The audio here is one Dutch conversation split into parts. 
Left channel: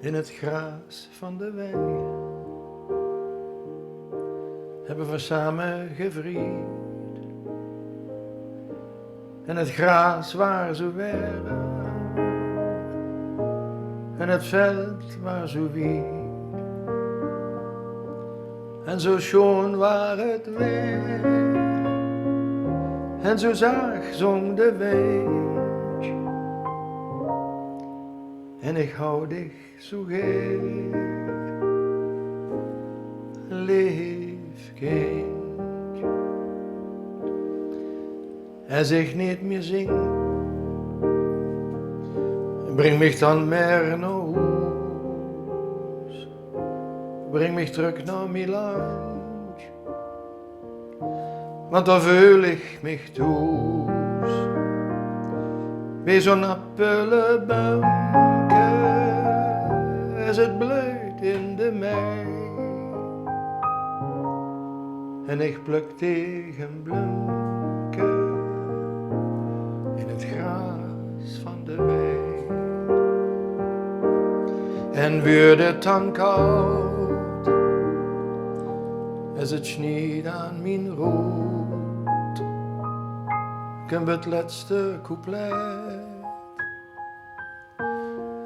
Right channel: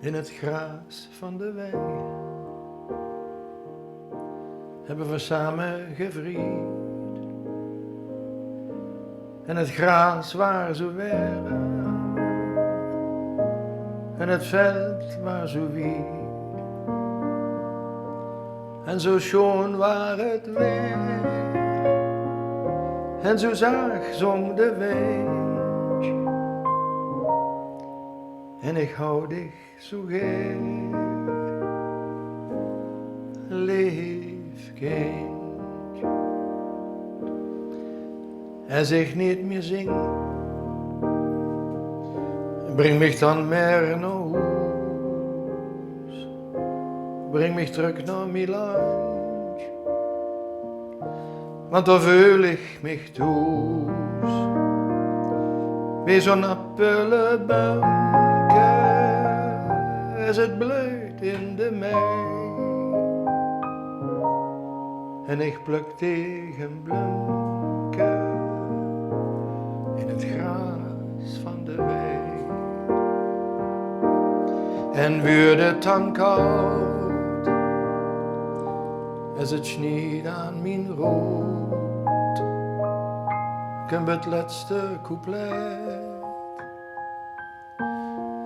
In het gras van de wei hebben we samen gevrijd. En het gras waar zo weer, en het veld waar zo wied. En zo schoon waar het weer, en zo zaag zong de wind. En ik hou dich zo geer, lief kind. Als ik niet meer zing, breng mich dan meer naar huis. Breng mich terug naar mijn land, want daar voel ik mich thuis. Wie zo'n appelenboomke, als het bloeit in de mei. En ik pluk tegen bloemke in het gras van de wei. En wordt het dan koud, als het sneeuwt aan mijn rood, komt het laatste couplet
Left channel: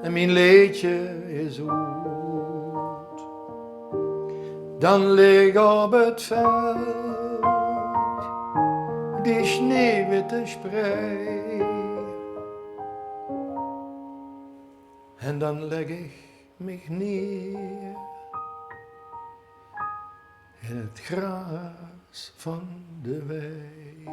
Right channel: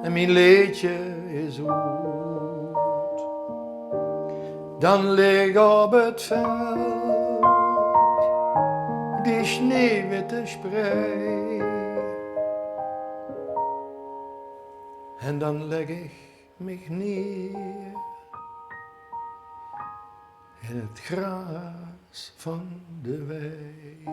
en mijn liedje is uit. Dan lig op het veld die sneeuwwitte sprei. En dan leg ik mich neer in het gras van de wei.